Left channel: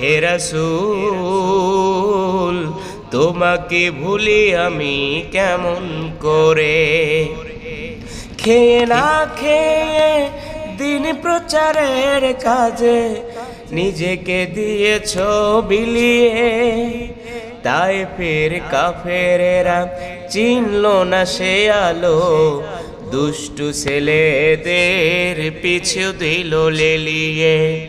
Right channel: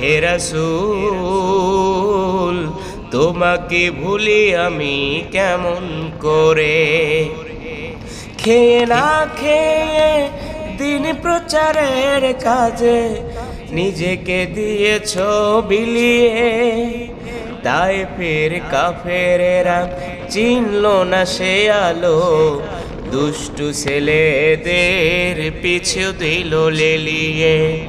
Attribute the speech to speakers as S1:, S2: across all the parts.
S1: হেরাসুল তোমাকে ভুলি আমি কেমন করে? খেয়ে না খেয়ে দিন প্রচারের কাজে নিজেকে দিয়েছ বিলিয়ে। তাই ফের কাফেরেরা চিনল না সে আলো। দুষ্টু ছেলেদের পিছু দিল লেলিয়ে।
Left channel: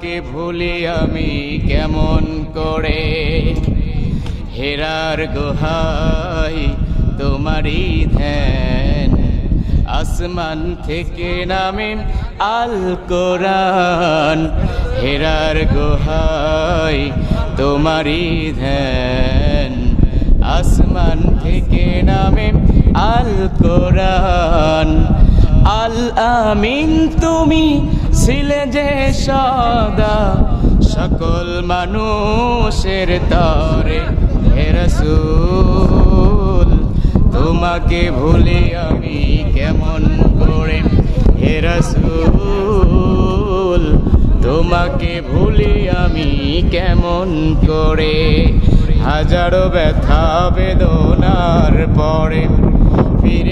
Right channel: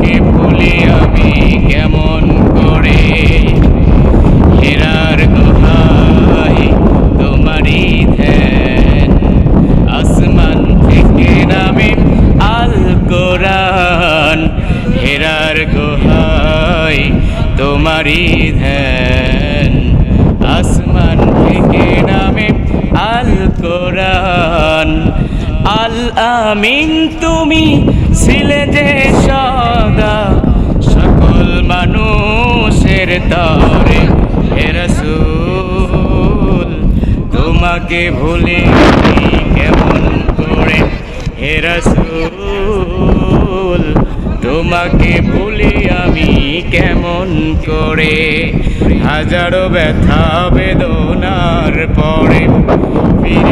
S1: তোমাকে ভুলি আমি কেমন করে? হেরার গুহায় তোমারই ধ্যান। আসমান থেকে নামে আল কোরআন। হেরার গুহায় তোমারই ধ্যান। আসমান থেকে নামে আল কোরআন। আল আমিন, তুমি ছিলে যে সদা। সকল মানুষের তরে, হে রসুল, তোমাকে ভুলে কেমন করে? হে রসুল, তোমাকে ভুলি আমি কেমন করে? হাজারো ব্যথা বেদনার পরে, ফিরে